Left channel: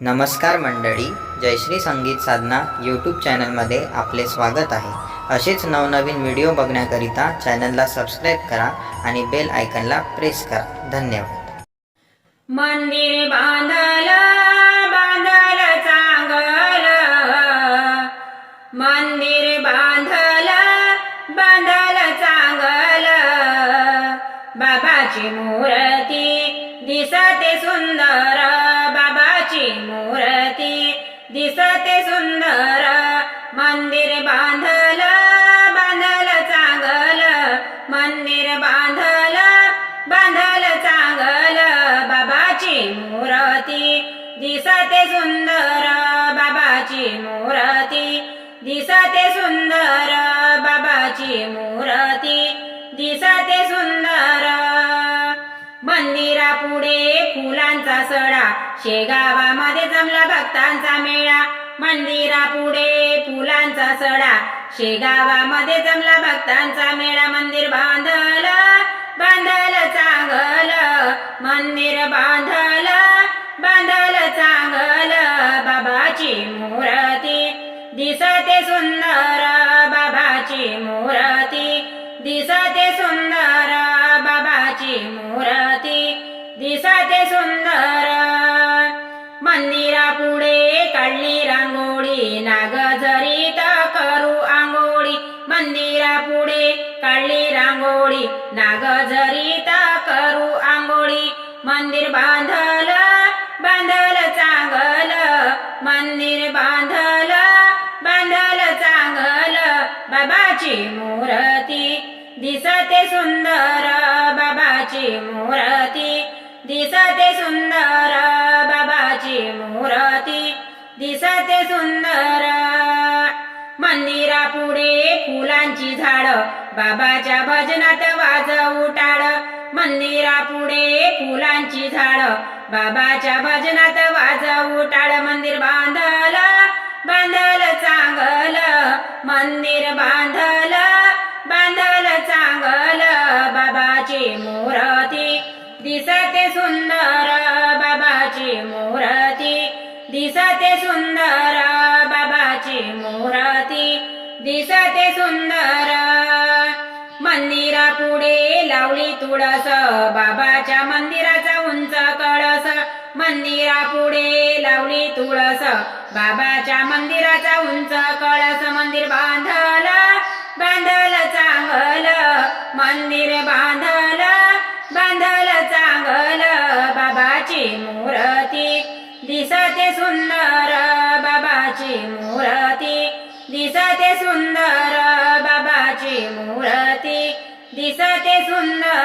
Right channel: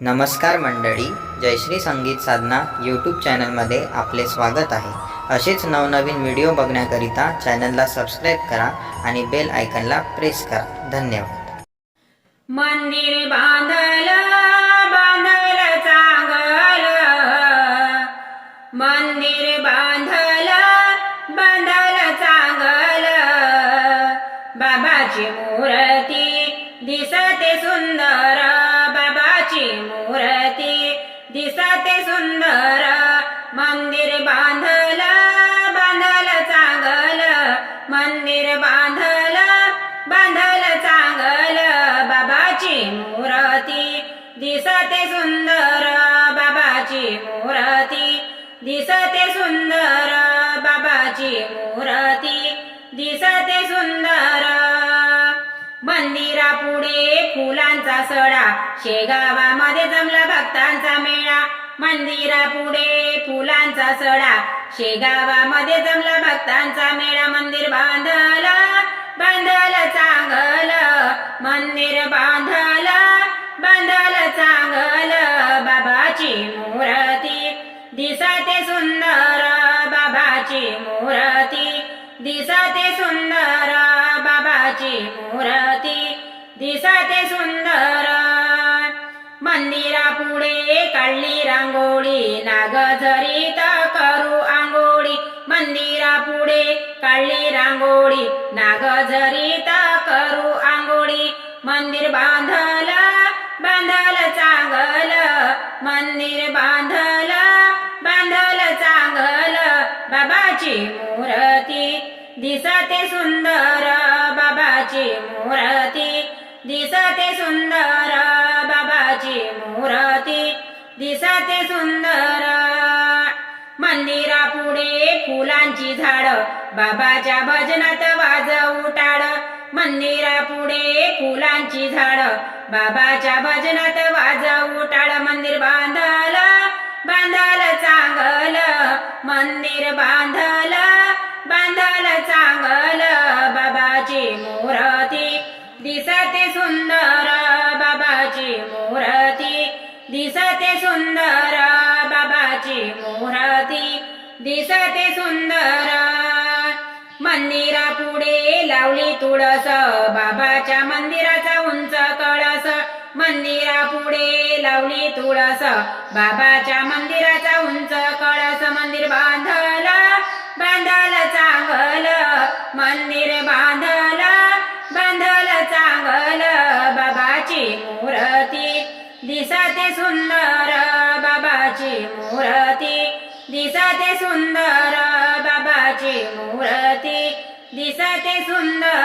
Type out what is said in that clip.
नमस्कार मंडळी, जयश्री संगीत साधना यूट्यूब चॅनलमध्ये आपले स्वागत आहे। असेच नवनवीन व्हिडिओ बघण्याकरिता चॅनलला सबस्क्राईब करा आणि बेल आयकॉनला प्रेस करा। धन्यवाद। मंदिर बांधल बांधल चांगल, मंदिर बांधल बांधल चांगल, बाबाची मूर्ती दिसते सुंदर, बाबाची मूर्ती दिसते सुंदर। मंदिर बांधल बांधल चांगल, मंदिर बांधल बांधल चांगल, बाबाची मूर्ती दिसते सुंदर, बाबाची मूर्ती दिसते सुंदर, बाबाची मूर्ती दिसते सुंदर। मंदिरापुढे फुलांचा सडा, शेगावामध्ये जमला भक्तांचा मेळा। मंदिरापुढे फुलांचा सडा, शेगावामध्ये जमला भक्तांचा मेळा। मंदिर बांधल बांधल चांगल, मंदिर बांधल बांधल चांगल, बाबाची मूर्ती दिसते सुंदर, बाबाची मूर्ती दिसते सुंदर, बाबाची मूर्ती दिसते सुंदर। मंदिरापुढे काढली रांगोळी, नागझरीत करू आंघोळी। मंदिरापुढे काढली रांगोळी, नागझरीत करू आंघोळी। मंदिर बांधल बांधल चांगल, मंदिर बांधल बांधल चांगल, बाबाची मूर्ती दिसते सुंदर, बाबाची मूर्ती दिसते सुंदर, बाबाची मूर्ती दिसते सुंदर। मंदिरापुढे फुलांची झाड, बाबाच्या भजनात वाजवू टाळ। मंदिरापुढे फुलांची झाड, बाबाच्या भजनात वाजवू टाळ। मंदिर बांधल बांधल चांगल, मंदिर बांधल बांधल चांगल, बाबाची मूर्ती दिसते सुंदर, बाबाची मूर्ती दिसते सुंदर, बाबाची मूर्ती दिसते सुंदर। मंदिरापुढे लावली तुळस, बाबाच्या मंदिराचा उंच कळस। मंदिरापुढे लावली तुळस, बाबाच्या मंदिराचा उंच कळस। मंदिर बांधल बांधल चांगल, मंदिर बांधल बांधल चांगल, बाबाची मूर्ती दिसते सुंदर, बाबाची मूर्ती दिसते सुंदर, बाबाची मूर्ती दिसते सुंदर।